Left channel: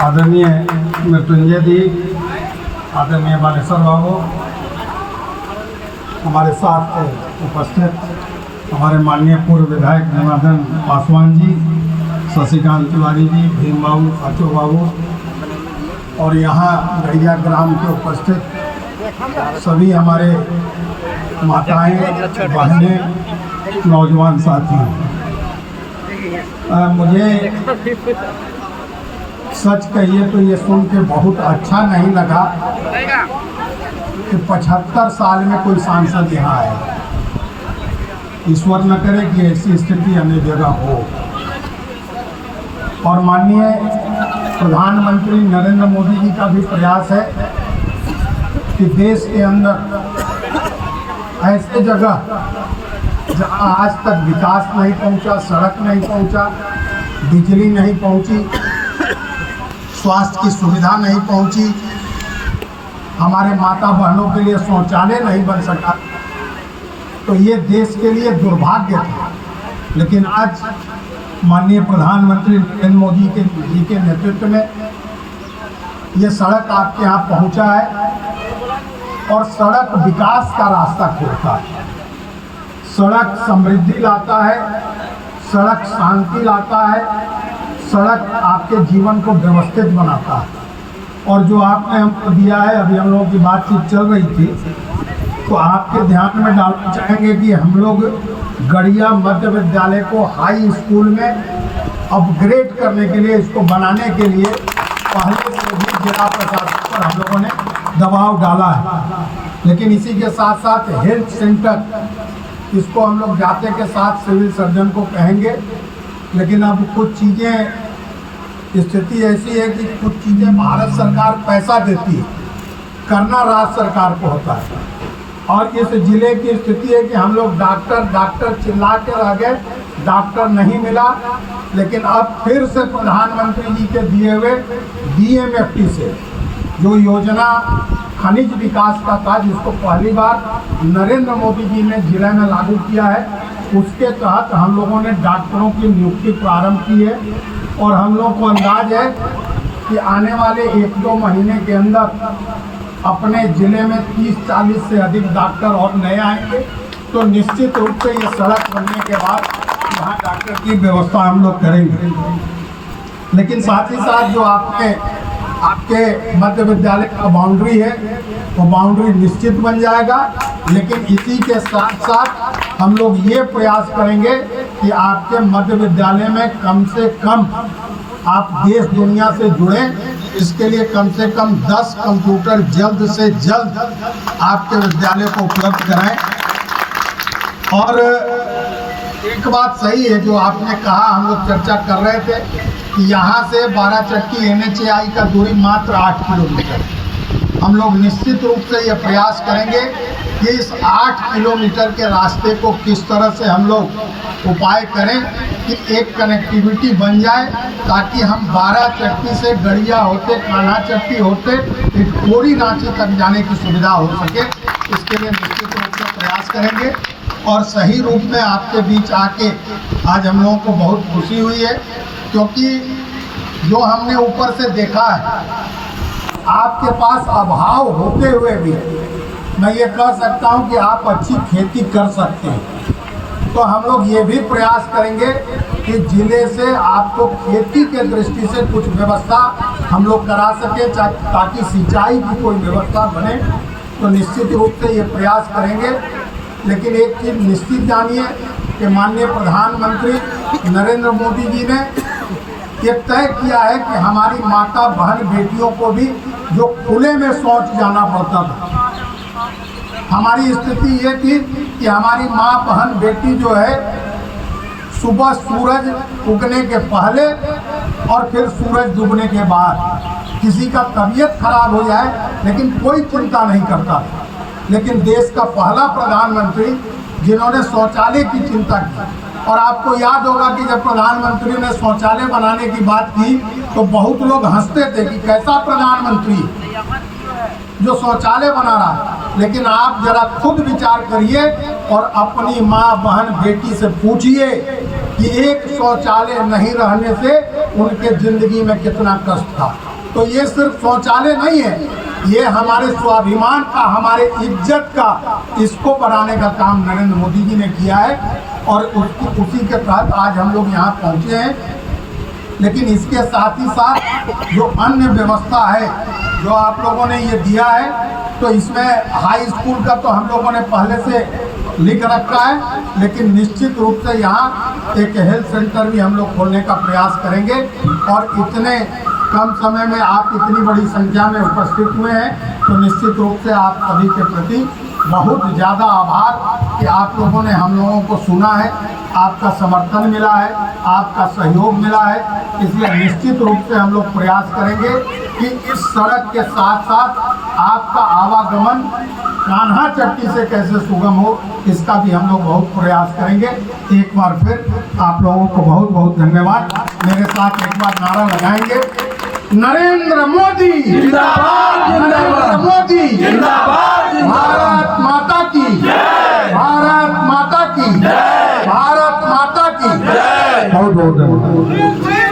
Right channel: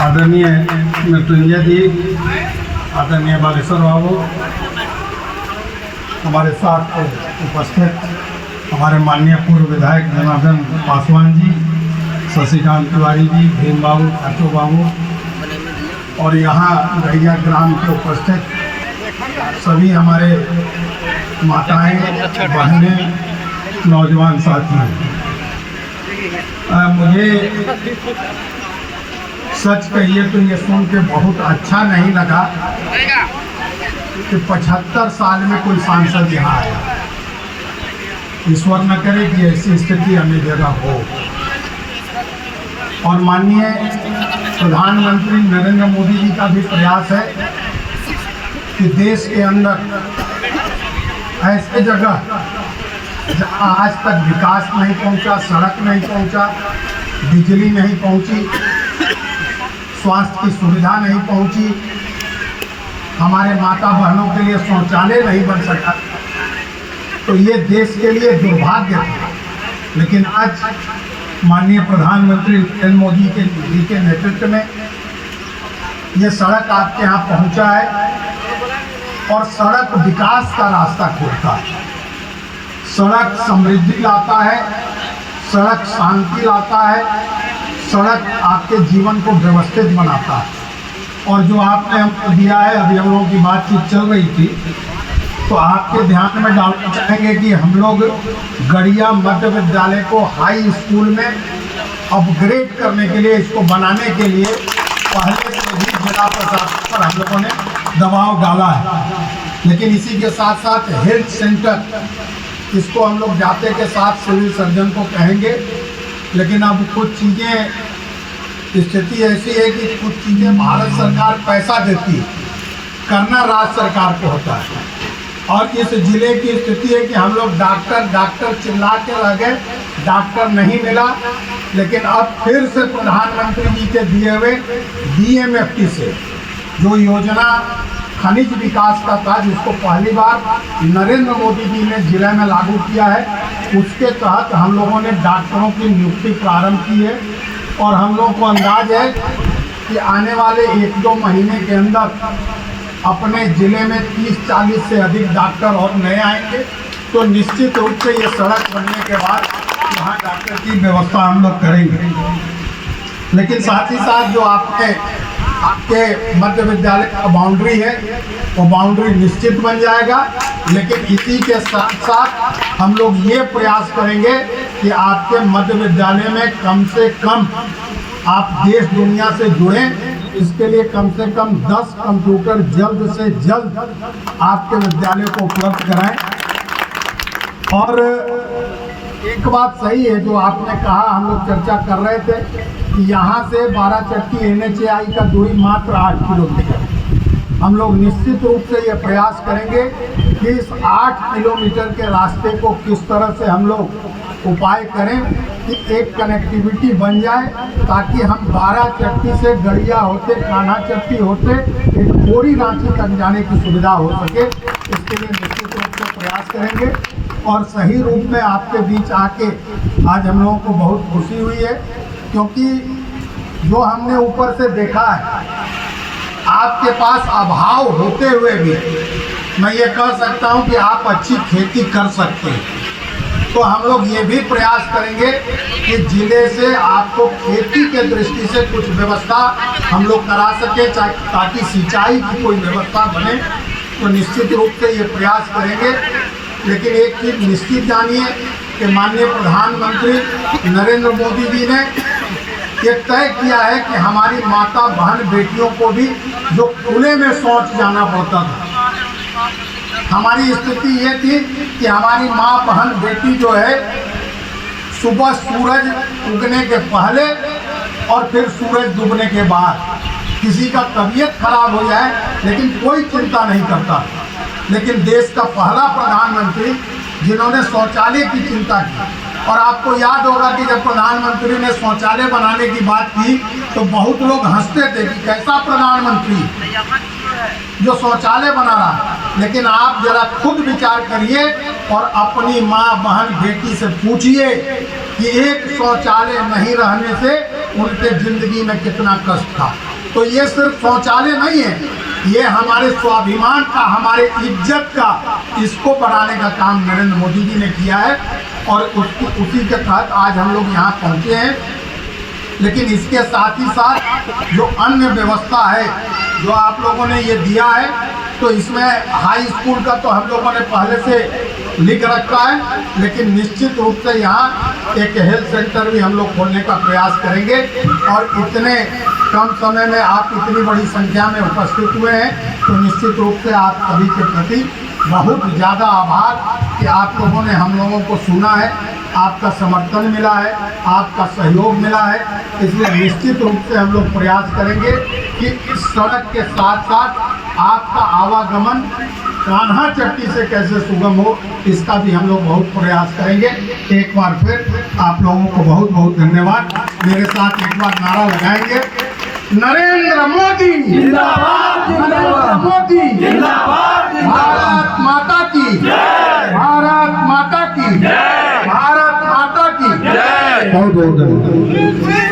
आदरणीय मृत्युंजय जी, आदरणीय बालेश्वर बाबू, हमारे साथ उपस्थित हमारे माननीय पूर्व विधायक जनार्दन पासवान जी, शशिकांत तिवारी जी, भीम बाबू, खाचो बाबू और यहाँ गड़िया ग्राम के उपस्थित सभी हमारे माताएं, बहनें, नौजवान साथी। मुझे सच कहिए तो ये सुन के बहुत अच्छा नहीं लगा कि 75 साल में कोई सांसद यहाँ आया। ईश्वर न करे कि ऐसी स्थिति अन्य जगह हो। और माननीय प्रधानमंत्री नरेंद्र मोदी जी का भी प्रयास है कि देश के अंदर ऐसे जगह जहाँ आज तक विकास नहीं पहुँचा, सड़क नहीं पहुँचा, बिजली नहीं पहुँची, स्वास्थ्य की सुविधा नहीं पहुँची, हमारे माता बहनों के लिए शौचालय नहीं बन सका, तो ये देश के लिए दुर्भाग्य था। लेकिन आज माननीय प्रधानमंत्री नरेंद्र मोदी जी के नेतृत्व में ये सड़क आपके यहाँ पहुँचा है और सड़क विकास का रास्ता खोलता है। सड़क समृद्धि लाता है, सड़क शांति लाता है, सड़क आपके जीवन को व्यवस्थित बनाता है। और जो आपने हमको दिया है, अभी हम लोगों की बातचीत चल रही थी, तो आपके ध्यान में डालना चाहेंगे कि हम लोग गड़िया मध्य विद्यालय को हाई स्कूल में अपग्रेड करने के लिए, इसको बनाने के लिए पहले से ही जिला प्रशासन पर हम लोगों ने दबाव डाला है। लेकिन इसी के साथ साथ हेल्थ सेंटर, इसको हम लोग जाते के साथ सिविल सर्जन को कहेंगे। लेकिन अब कुछ चीज़ें, स्थिति ऐसी है कि कुछ चीज़ें भारत सरकार पैसा देती है, करना राज्य सरकार को होता है। और इस जिले की स्थिति है कि हम लोग डॉक्टर चिल्ला के रह गए, डॉक्टर नहीं मिला। लेकिन अब फिर से प्रधानमंत्री जी के दिए हुए DMFT से जो योजना खनिज विकास का था, जिसको पहली बार नरेंद्र मोदी जी ने जिले में लागू किया है, उसके तहत हम लोगों ने डॉक्टरों की नियुक्ति प्रारंभ की है। और हम लोगों को अंदाज है कि आने वाले 1-2 महीने के अंदर अपने ज़िले में 30-40 से अधिक डॉक्टर और नए आएंगे। तो निश्चित रूप से ये सड़क बनने के बाद यहाँ डॉक्टर की व्यवस्था हम लोग करेंगे। लेकिन साथ ही साथ जो आपके मध्य विद्यालय का बाउंड्री है, वो बाउंड्री निश्चित बन जाएगा। लेकिन इसी के साथ साथ हम लोग ये प्रयास करेंगे कि आपके मध्य विद्यालय में कम से कम आप देश दुनिया से जुड़ें। इसके लिए कम से कम 10 कंप्यूटर जल्द से जल्द आपके विद्यालय को उपलब्ध कराएं। और एक बात सही है जो आपने कहा, हम लोग चर्चा कर रहे थे कि यहाँ से 12 चक्की NHAI का दूरी मात्र 8 किलोमीटर। हम लोग निश्चित रूप से ये प्रयास करेंगे कि इस 8 किलोमीटर के रास्ते को किस तरह से हम लोग उपाय करें कि एक कनेक्टिविटी बन जाए, ताकि हम 12 चक्की से गड़िया होते, कान्हा चक्की होते, एक पूरी रांची तक जाने की सुविधा हो सके। इसके लिए निश्चित रूप से प्रयास करेंगे। और सही रूप में आपके बीच आके आज हम लोगों को बहुत खुशी हुई है, क्योंकि जो हमने ऊपर से देखा है, आपके पास अभाव होते हुए भी मैं ये कह सकता हूँ कि आप अच्छी खेती कर सकते हैं। तो हम लोग ये भी प्रयास करेंगे कि जिले से आपको खेती के दृष्टि से कुछ व्यवस्था हम लोग करा सके, ताकि सिंचाई की कोई व्यवस्था बने। तो निश्चित रूप से ये प्रयास करेंगे। लेकिन एक चीज़ निश्चित जानिए कि माननीय प्रधानमंत्री नरेंद्र मोदी जी ने ये तय किया है कि हमारी माता बहन बेटियों को भी जो खुले में शौच जाना पड़ता था, हमारी स्थिति ये थी कि हमारी माँ बहन बेटी जो है सुबह सूरज उगने के पहले और फिर सूरज डूबने के बाद किसी का तबीयत खराब हो जाए, लेकिन कोई चिंता नहीं करता। लेकिन देश का पहला प्रधानमंत्री जिन्होंने शौचालय की चिंता की। और आपको याद होगा कि जब प्रधानमंत्री ने शौचालय बनाने की बात की तो बहुत लोग हंसते थे कि कैसा प्रधानमंत्री जो शौचालय बना रहा है। लेकिन आप जरा खुद विचार करिए और अपनी माँ बहन बेटी से पूछिए कि एक शौचालय नहीं रहने से उनके जिंदगी में कितना कष्ट था। तो ये सिर्फ शौचालय नहीं है, ये हमारे स्वाभिमान का, हमारे इज्जत का, इसको बढ़ाने का काम नरेंद्र मोदी जी ने किया है और उसी के तहत आज हम लोग यहाँ पहुँचे हैं। लेकिन इसके साथ ही साथ जो अन्य व्यवस्था है जो आप लोगों ने ये दिया है, तो इसमें हाई स्कूल का तो हम लोगों ने पहले से लिख रखा है, लेकिन निश्चित रूप से यहाँ एक हेल्थ सेंटर भी हम लोग खोलने का प्रयास करेंगे। और इतने कम समय में आप इतनी बड़ी संख्या में उपस्थित हुए हैं, तो निश्चित रूप से आप सभी के प्रति बहुत ज़्यादा आभार कि आप लोगों ने हम लोगों को सुना है, आपका समर्थन मिला है, आपका सहयोग मिला है। इसलिए निश्चित रूप से हम लोग प्रयास करेंगे कि इस सड़क के साथ साथ आपका आवागमन कान्हा चट्टी से कैसे सुगम हो, इसका भी हम लोग बहुत प्रयास करेंगे। एक बार फिर आप लोगों को बहुत बहुत धन्यवाद। मेरे साथ एक बार नारा लगाएंगे, नरेंद्र मोदी जिंदाबाद, नरेंद्र मोदी जिंदाबाद, भारत माता की जय, भारत माता की जय, भारत माता की जय। बहुत बहुत धन्यवाद।